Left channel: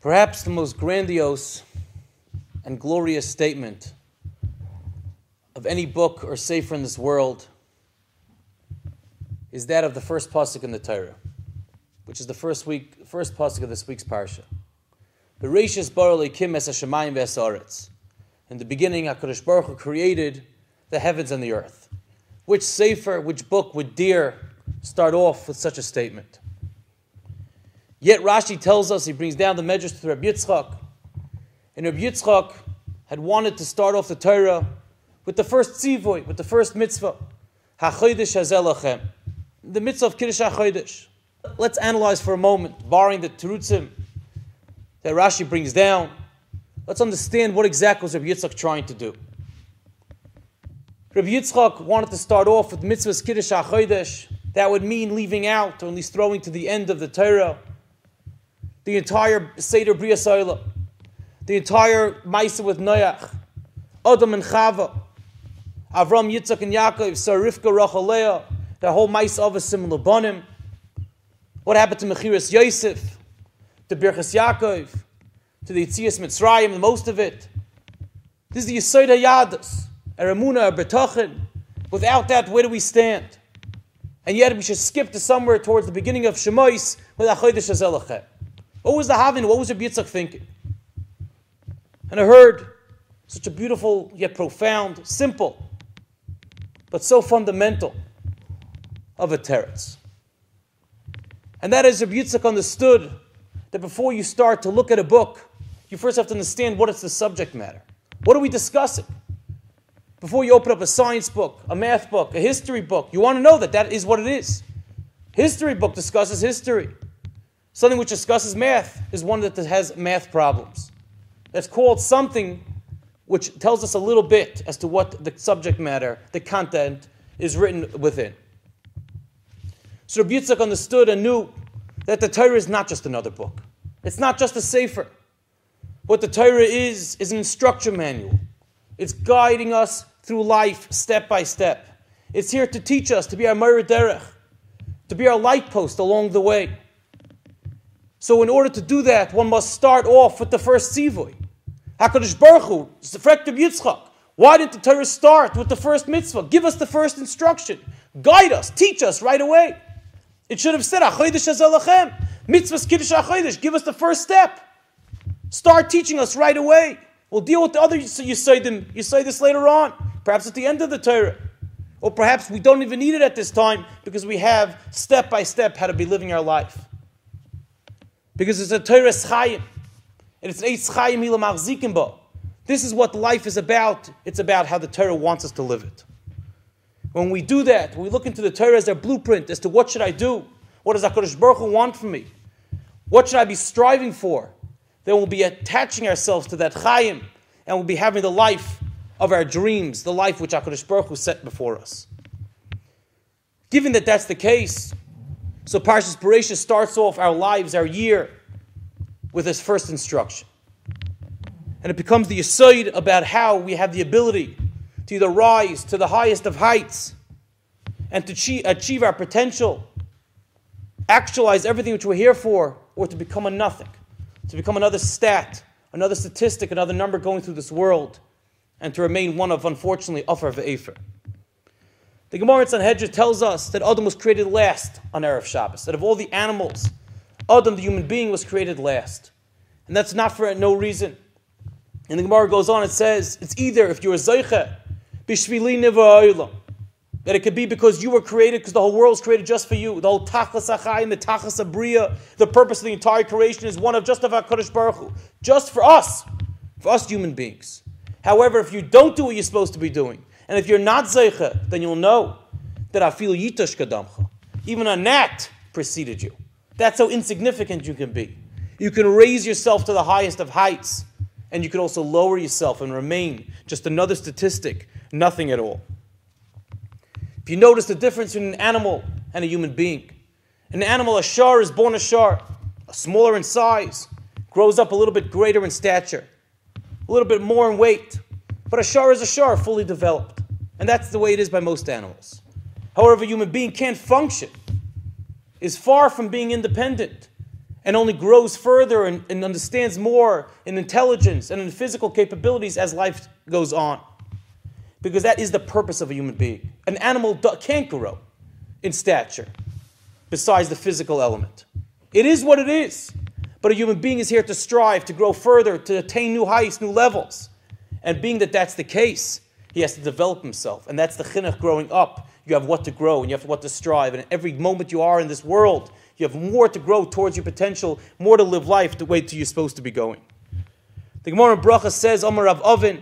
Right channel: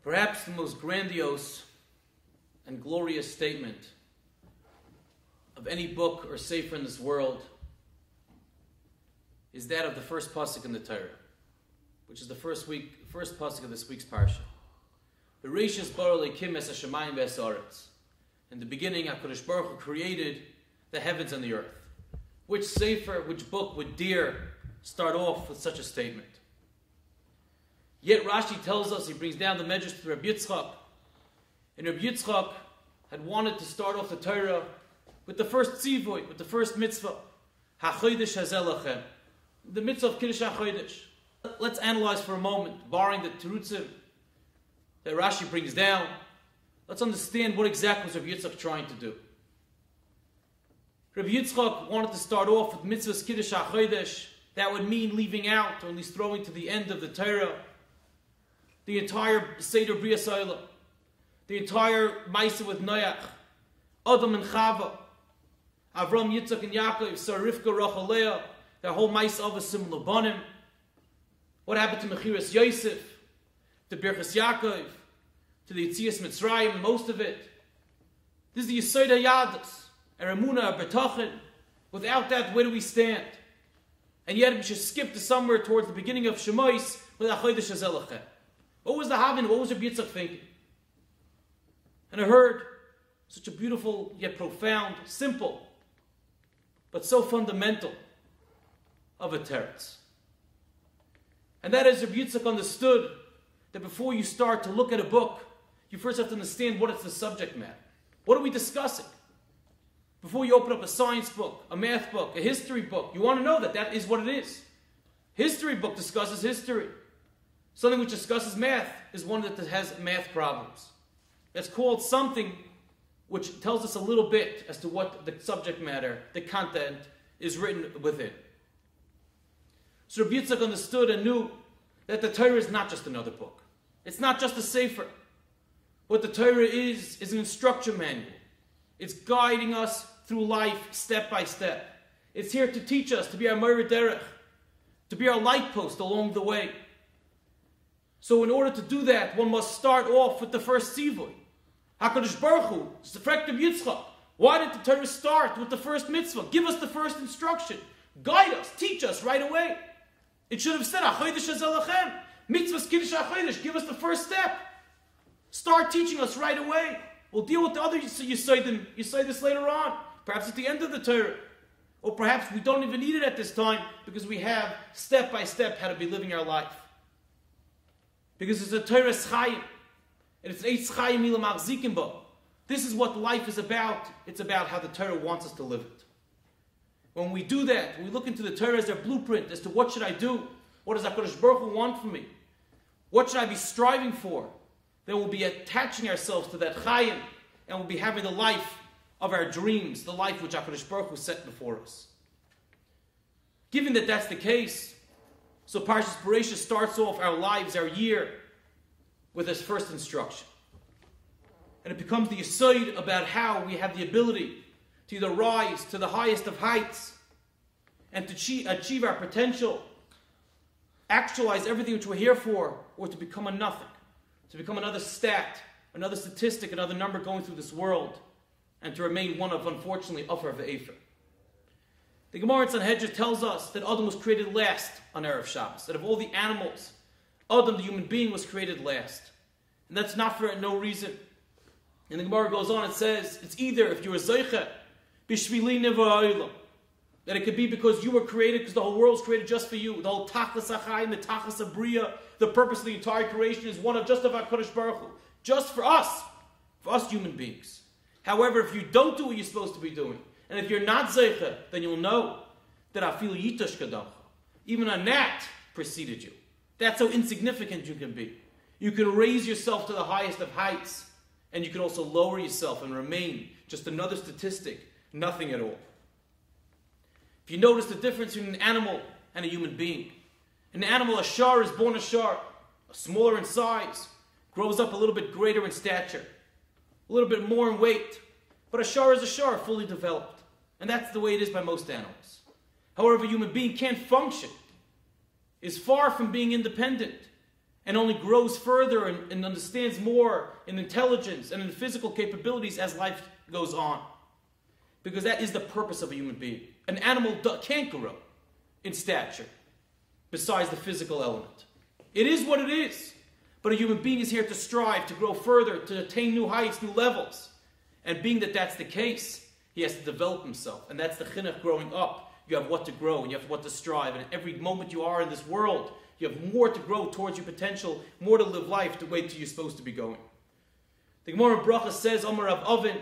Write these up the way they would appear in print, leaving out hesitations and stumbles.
Perhaps the most grandiose and glorious statement of any book or sefer in this world is that of the first pasuk in the Torah, which is the first pasuk of this week's parsha. Bereishit bara Elokim es hashamayim v'es. In the beginning, HaKadosh Baruch Hu created the heavens and the earth. Which sefer, which book would dare start off with such a statement? Yet Rashi tells us, he brings down the medrash to Rabbi Yitzchak, and Rabbi Yitzchak had wanted to start off the Torah with the first tzivoy, with the first mitzvah, HaChodesh Hazeh Lachem, the mitzvah of Kiddush HaChodesh. Let's analyze for a moment, barring the terutzim that Rashi brings down. Let's understand what exactly was Rabbi Yitzchak trying to do. Rabbi Yitzchak wanted to start off with mitzvahs Kiddush HaChodesh. That would mean leaving out, or at least throwing to the end of the Torah, the entire Seder Brias Olam, the entire Maisa with Noach, Adam and Chava, Avram, Yitzchak, and Yaakov, Sarah, Rivka, Rachel, Leah, the whole Maisa of a similar Banim. What happened to Mechiras Yosef, to Birchas Yaakov, to the Yitzias Mitzrayim, the most of it? This is the Yesod HaYadus, Eramuna, Bertachin. Without that, where do we stand? And yet we should skip to somewhere towards the beginning of Shemois with HaChodesh Hazeh Lachem. What was the Havin? What was Rabbi Yitzchak thinking? And I heard such a beautiful, yet profound, simple, but so fundamental of a teretz. And that is, Rabbi Yitzchak understood that before you start to look at a book, you first have to understand what is the subject matter. What are we discussing? Before you open up a science book, a math book, a history book, you want to know that that is what it is. History book discusses history. Something which discusses math is one that has math problems. That's called something which tells us a little bit as to what the subject matter, the content, is written within. So Rabbi Yitzchak understood and knew that the Torah is not just another book. It's not just a sefer. What the Torah is an instruction manual. It's guiding us through life step by step. It's here to teach us, to be our Moira Derech, to be our light post along the way. So in order to do that, one must start off with the first tzivoy. HaKadosh Baruch Hu, Rabbi Yitzchak, why didn't the Torah start with the first mitzvah? Give us the first instruction. Guide us, teach us right away. It should have said, HaChodesh Hazeh Lachem, mitzvahs Kiddush HaChodesh, give us the first step. Start teaching us right away. We'll deal with the other Yisodim. You say this later on, perhaps at the end of the Torah. Or perhaps we don't even need it at this time because we have step by step how to be living our life. Because it's a Torah Chayim. And it's an Eitz Chayim Ila Machzikim Bo. This is what life is about. It's about how the Torah wants us to live it. When we do that, when we look into the Torah as our blueprint as to what should I do, what does HaKadosh Baruch Hu want from me, what should I be striving for, then we'll be attaching ourselves to that Chayim, and we'll be having the life of our dreams, the life which HaKadosh Baruch Hu set before us. Given that that's the case, so Parshat Bereishit starts off our lives, our year, with this first instruction. And it becomes the yesod about how we have the ability to either rise to the highest of heights and to achieve our potential, actualize everything which we're here for, or to become a nothing, to become another stat, another statistic, another number going through this world, and to remain one of, unfortunately, Afar Ve'efer. The Gemara in Sanhedrin tells us that Adam was created last on Erev Shabbos, that of all the animals, Adam, the human being, was created last. And that's not for no reason. And the Gemara goes on and says, it's either, if you're a Zeicha, Bishvili Nivra Ha'olam, that it could be because you were created, because the whole world was created just for you. The whole Tachas HaChayim, the Tachas HaBriya, the purpose of the entire creation is one of just of HaKadosh Baruch Hu, just for us human beings. However, if you don't do what you're supposed to be doing, and if you're not Zeicha, then you'll know that Afil Yitosh Kadamcha, even a gnat preceded you. That's how insignificant you can be. You can raise yourself to the highest of heights, and you can also lower yourself and remain just another statistic, nothing at all. If you notice the difference between an animal and a human being, an animal, a shar, is born a shar, smaller in size, grows up a little bit greater in stature, a little bit more in weight, but a shar is a shar, fully developed. And that's the way it is by most animals. However, a human being can't function, is far from being independent, and only grows further and understands more in intelligence and in physical capabilities as life goes on. Because that is the purpose of a human being. An animal can't grow in stature besides the physical element. It is what it is. But a human being is here to strive, to grow further, to attain new heights, new levels. And being that that's the case, he has to develop himself. And that's the chinuch growing up. You have what to grow and you have what to strive. And every moment you are in this world, you have more to grow towards your potential, more to live life the way you're supposed to be going. The Gemara in Bracha says, Amar Rav Oven,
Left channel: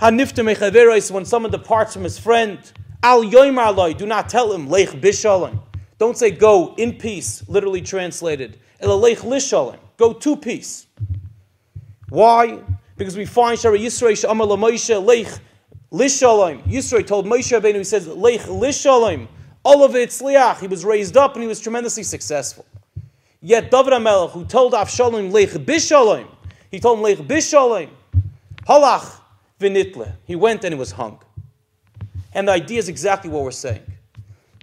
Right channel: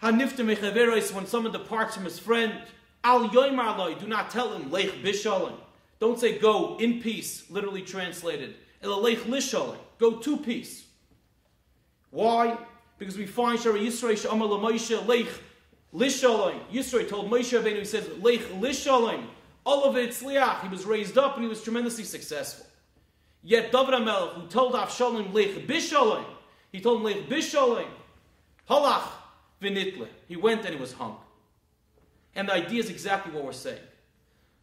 when someone departs from his friend, Al yoymar loy, do not tell him, Leich bishalom. Don't say go in peace, literally translated. Ela leich lishalom, go to peace. Why? Because we find Shara Yisrei she'amar LaMoshe leich lishalom. Yisrei told Moshe Rabbeinu, he says, Leich lishalom. All of it tzliach. He was raised up and he was tremendously successful. Yet David HaMelech, who told Avshalom leich bishalom, he told him leich bishalom, halach v'nitle. He went and he was hung. And the idea is exactly what we're saying.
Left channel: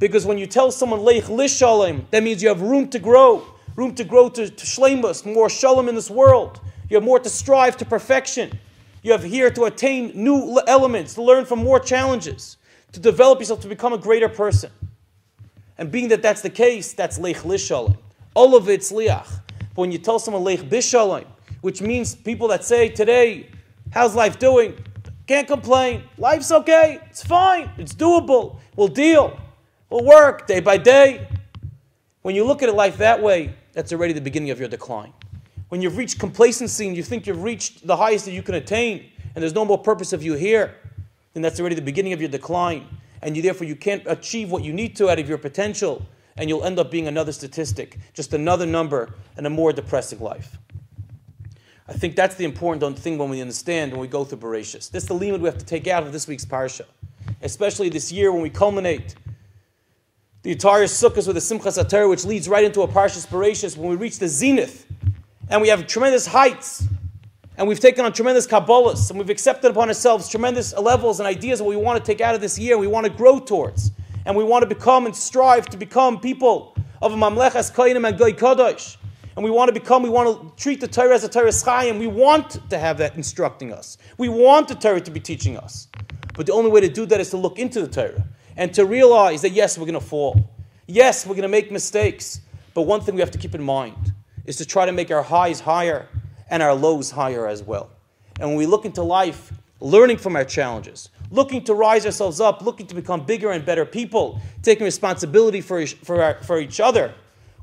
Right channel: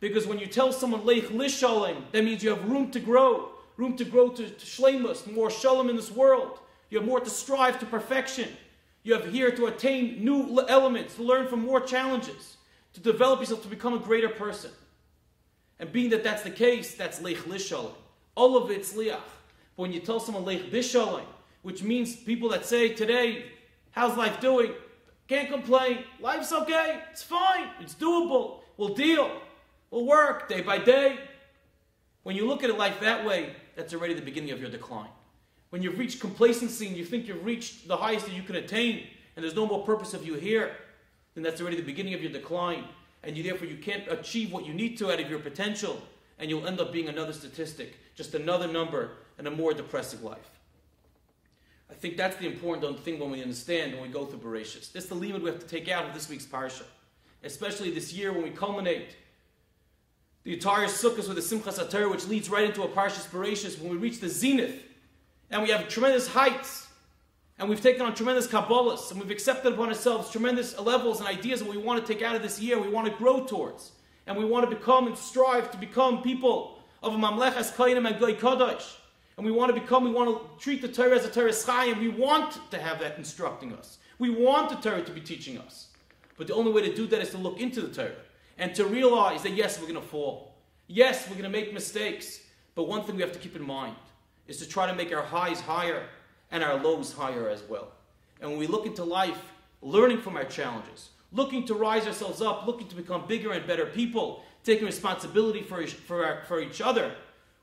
Because when you tell someone leich lishalom, that means you have room to grow to shleimus, more shalom in this world. You have more to strive to perfection. You have here to attain new elements, to learn from more challenges, to develop yourself to become a greater person. And being that that's the case, that's leich lishalom. All of it's liach. But when you tell someone leich bishalom, which means people that say today, how's life doing? Can't complain. Life's okay. It's fine. It's doable. We'll deal. We'll work day by day. When you look at life that way, that's already the beginning of your decline. When you've reached complacency and you think you've reached the highest that you can attain, and there's no more purpose of you here, then that's already the beginning of your decline. And therefore you can't achieve what you need to out of your potential, and you'll end up being another statistic, just another number, and a more depressing life. I think that's the important thing when we understand, when we go through Bereishit. This is the limud we have to take out of this week's parsha. Especially this year when we culminate the entire sukkahs with the Simchas Hatorah, which leads right into a Parshat Bereishit, when we reach the zenith, and we have tremendous heights, and we've taken on tremendous kabbalas, and we've accepted upon ourselves tremendous levels and ideas of what we want to take out of this year, we want to grow towards, and we want to become and strive to become people of a mamlechas koyanim and goy kadosh. And we want to treat the Torah as a Torah Chaim. We want to have that instructing us. We want the Torah to be teaching us. But the only way to do that is to look into the Torah and to realize that yes, we're going to fall. Yes, we're going to make mistakes. But one thing we have to keep in mind is to try to make our highs higher and our lows higher as well. And when we look into life, learning from our challenges, looking to rise ourselves up, looking to become bigger and better people, taking responsibility for each other,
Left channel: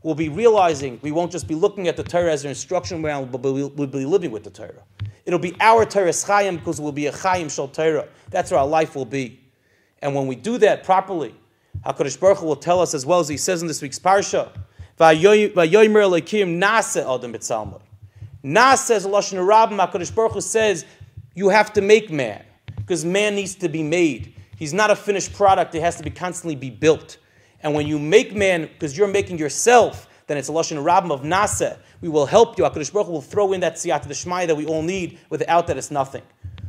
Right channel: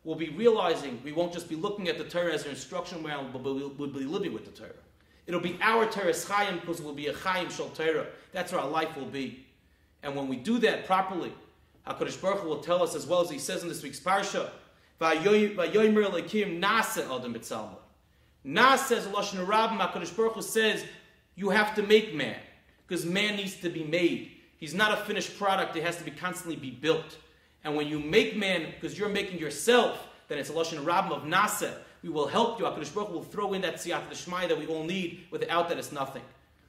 we'll be realizing we won't just be looking at the Torah as an instruction ground, but we'll be living with the Torah. It'll be our Torah Chaim because it will be a Chaim Shal Torah. That's where our life will be. And when we do that properly, HaKadosh Baruch Hu will tell us, as well as he says in this week's Parsha, V'yomer Elokim Nase Adam B'Tzalma. Nase is a Lashon Rabbim. HaKadosh Baruch Hu says, you have to make man, because man needs to be made. He's not a finished product. It has to be constantly be built. And when you make man, because you're making yourself, then it's a Lashon Rabbim of Nase. We will help you. HaKadosh Baruch Hu will throw in that Siyata D'Shmaya that we all need. Without that, it's nothing.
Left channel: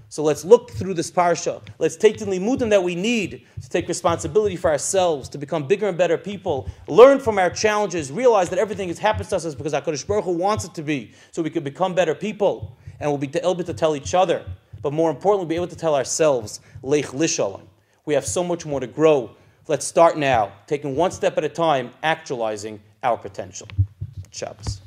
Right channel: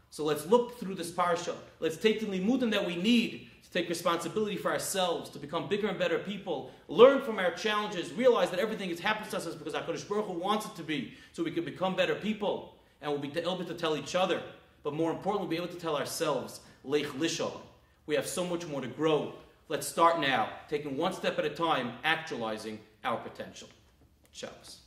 So let's look through this parsha. Let's take the limudim that we need to take responsibility for ourselves, to become bigger and better people, learn from our challenges, realize that everything that happens to us is because HaKadosh Baruch Hu wants it to be, so we can become better people, and we'll be able to tell each other, but more importantly, we'll be able to tell ourselves, Leich Lishalom. We have so much more to grow. Let's start now, taking one step at a time, actualizing our potential. Shabbos.